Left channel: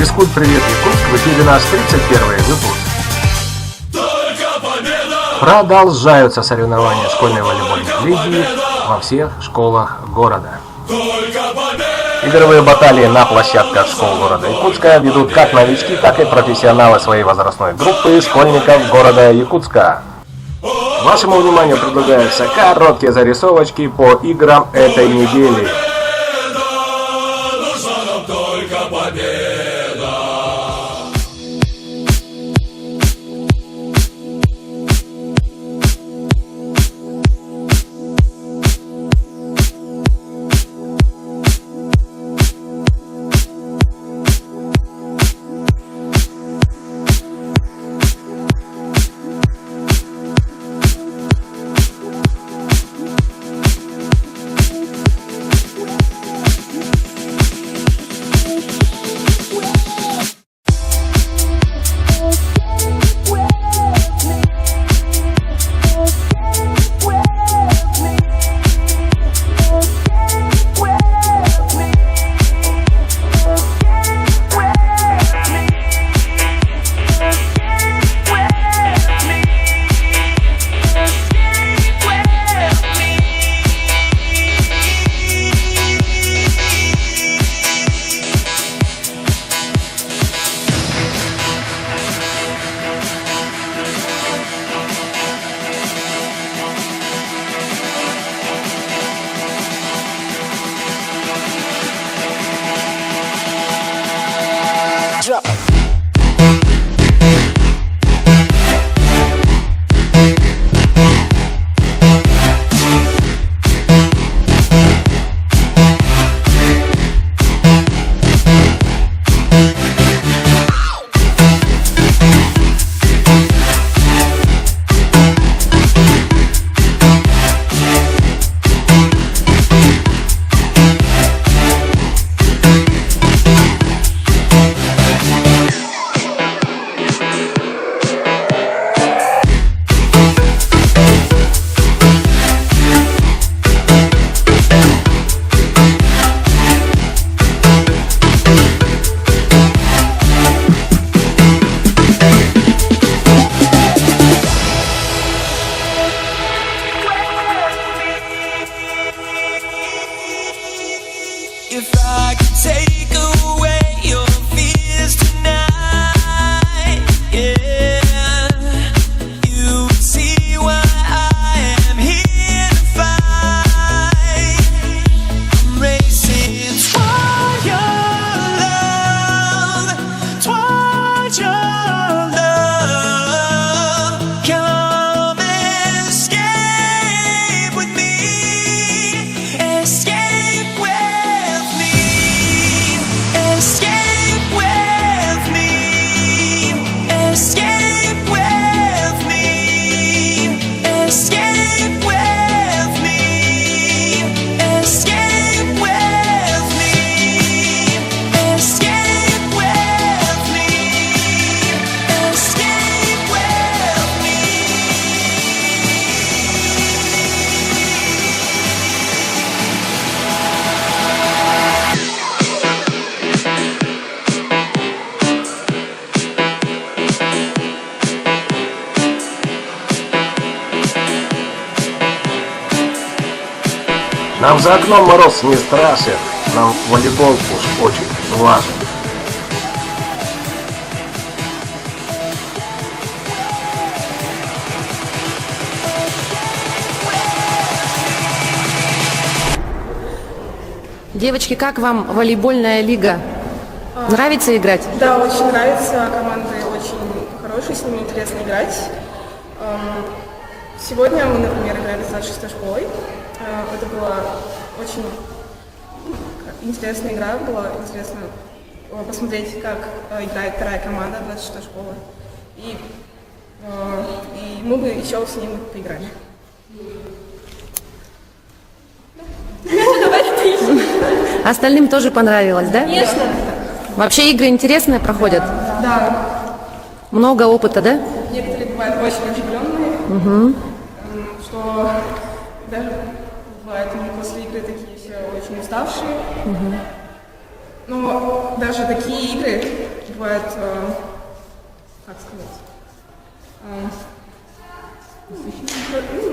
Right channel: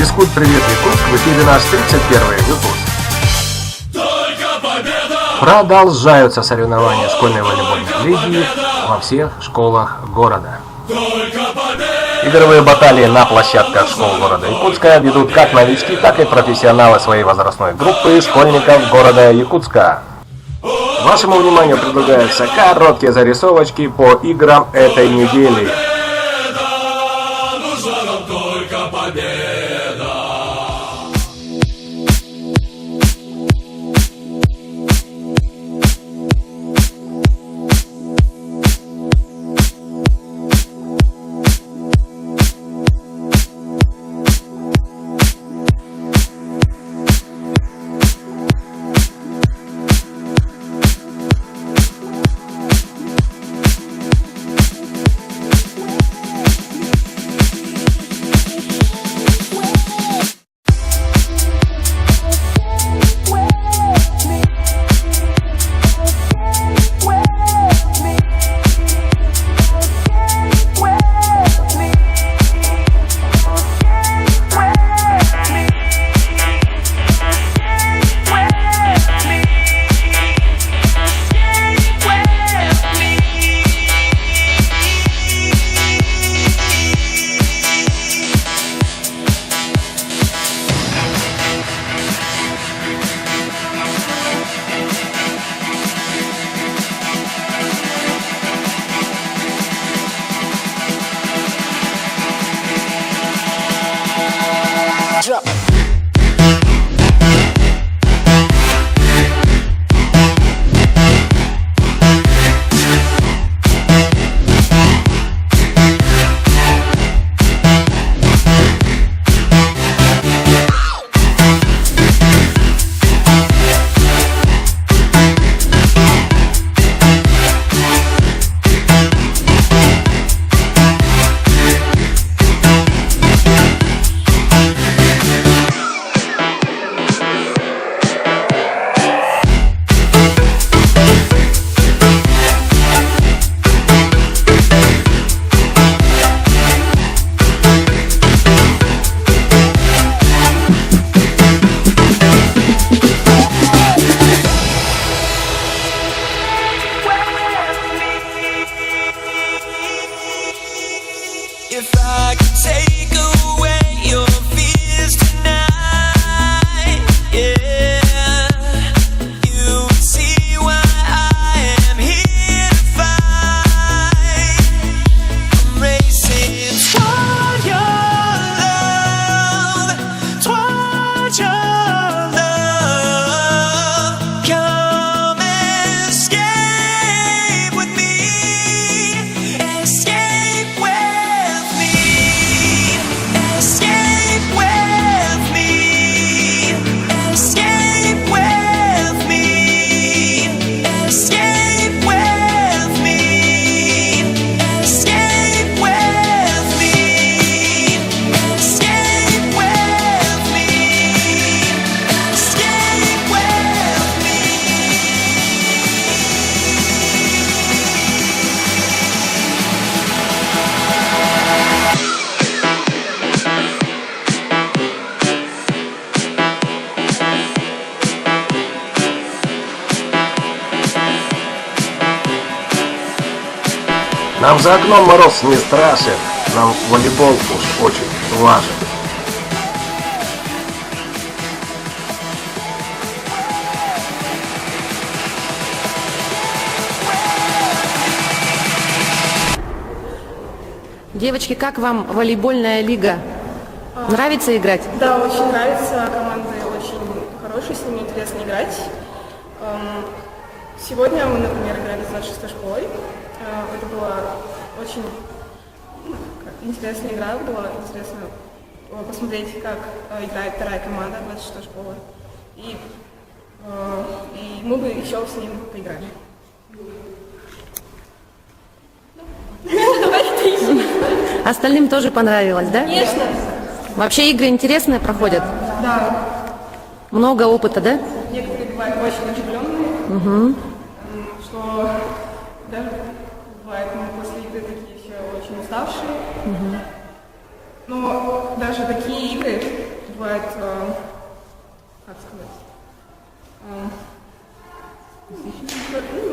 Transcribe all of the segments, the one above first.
Физкульт-привет, Якутск! В эфире наш 31-й выпуск. Продолжаются соревнования школьной волейбольной лиги во всех школах города. Игровые баталии на площадках школ города Якутска ведут как новички, так и профессионалы своей возрастной группы школьников города Якутска. Вашему вниманию предлагаются короткие зарисовочки по играм этой недели. Drop it. If I could take away your fears tonight, yeah, you would see why I am here to fight. I'm racing toward your love, toward your love. Come escape with me, escape with Нам за окном мороз не страшен, нам волейбол уж очень важен. Девочки, как вам волейбольная лига? Нравится играть? Да, очень нравится. Команда очень хорошая, с ними интересно играть. Сегодня мы, например, играли с 26-й школой. Это была очень интересная игра, было интересно посмотреть, как играет вторая команда 26-й школы. И мы бы еще с ним поиграли. Остальным тоже понравилось, да? Конечно. Вообще игры интересные проходят? Да. Много опыта, да? Некоторые бывают очень оживленные, что даже бывает после игры такие все очень уставшие. Но даже такие игры бывает, как сказать,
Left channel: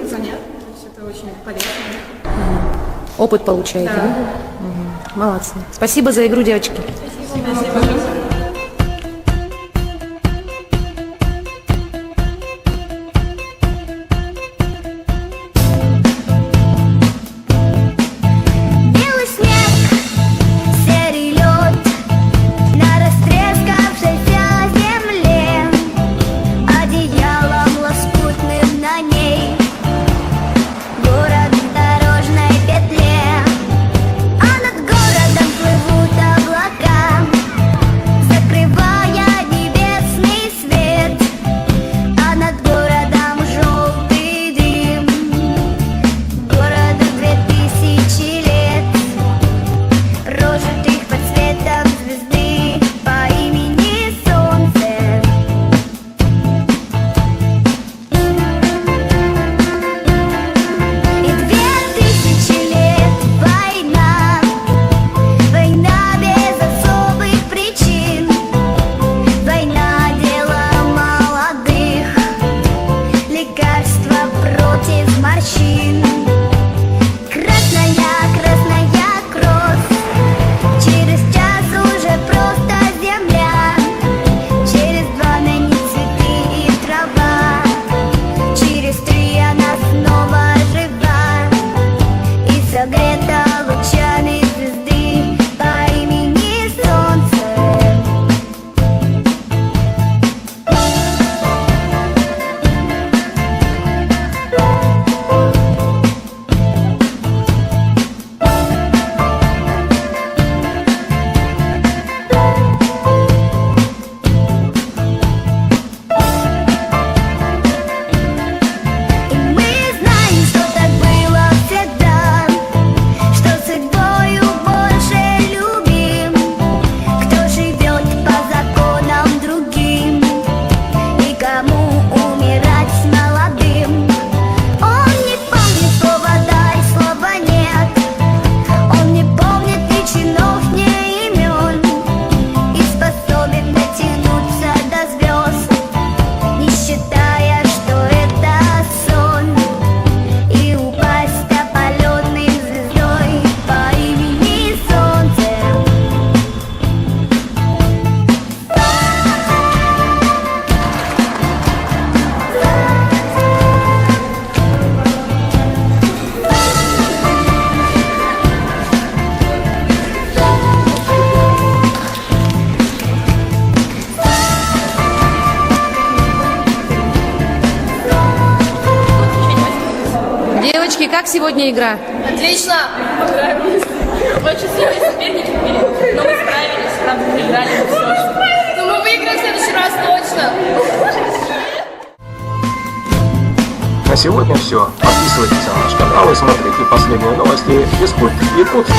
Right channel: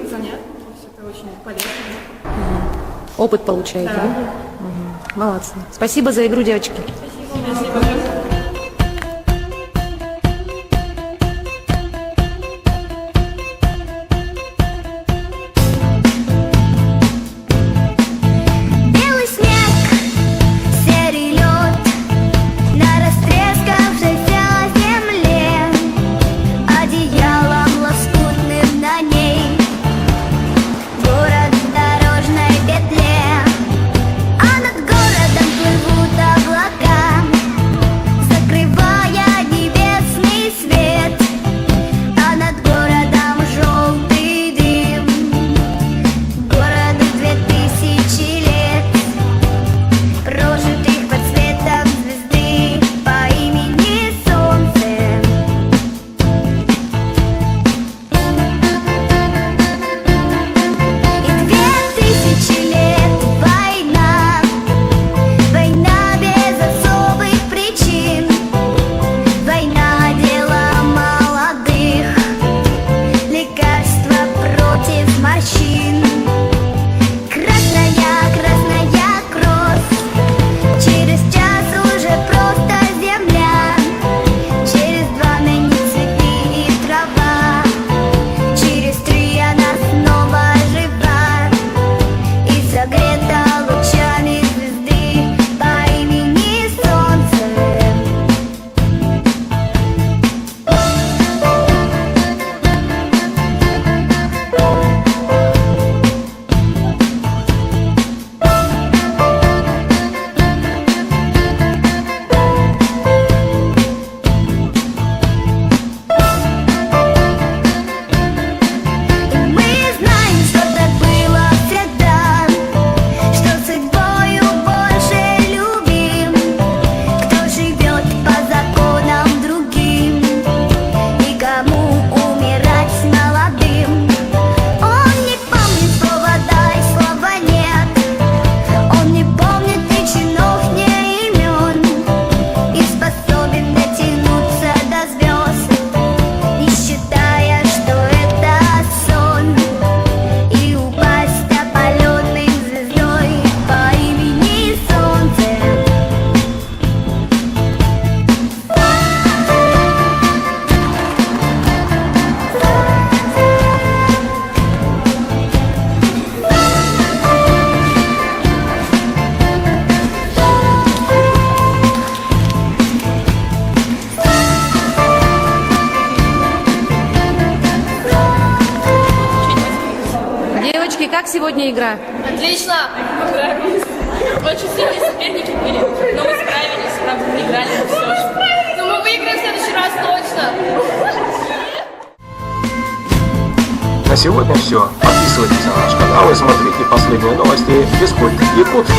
занятно, то есть это очень полезно. Опыт получаете, да? Мгм. Молодцы. Спасибо за игру, девочки. Белый снег, серый лед на растрескавшейся земле, одеялом лоскутным на ней, город в дорожной петле, а над городом плывут облака, закрывая небесный свет, а над городом желтый дым, городу 2000 лет, прожитых под светом звезды по имени Солнце. И 2000 лет война, война без особых причин, война дела молодых, лекарства против морщин. Красная, красная кровь, через час уже просто земля, через 2 на ней цветы и трава, через 3 она снова жива и согрета лучами звезды по имени Солнце. И мы знаем, что так было всегда, что судьбою больше любим, кто живет по законам другим и кому умирать с молодым. Он не помнит слова «да» и слова «нет», он не помнит ни чинов, ни имен, и способен дотянуться до звезд, не считая, что это сон, и упасть опаленной звездой по имени Солнце. Девочки, как сегодня игра? Отлично! Понравилось. Очень сильные соперники были, но мы справились, правда, проиграли, но все же. Но мы выиграем в следующий раз точно! На сегодня все. Подписывайтесь на наш канал и смотрите последние новости Физкульт Якутск.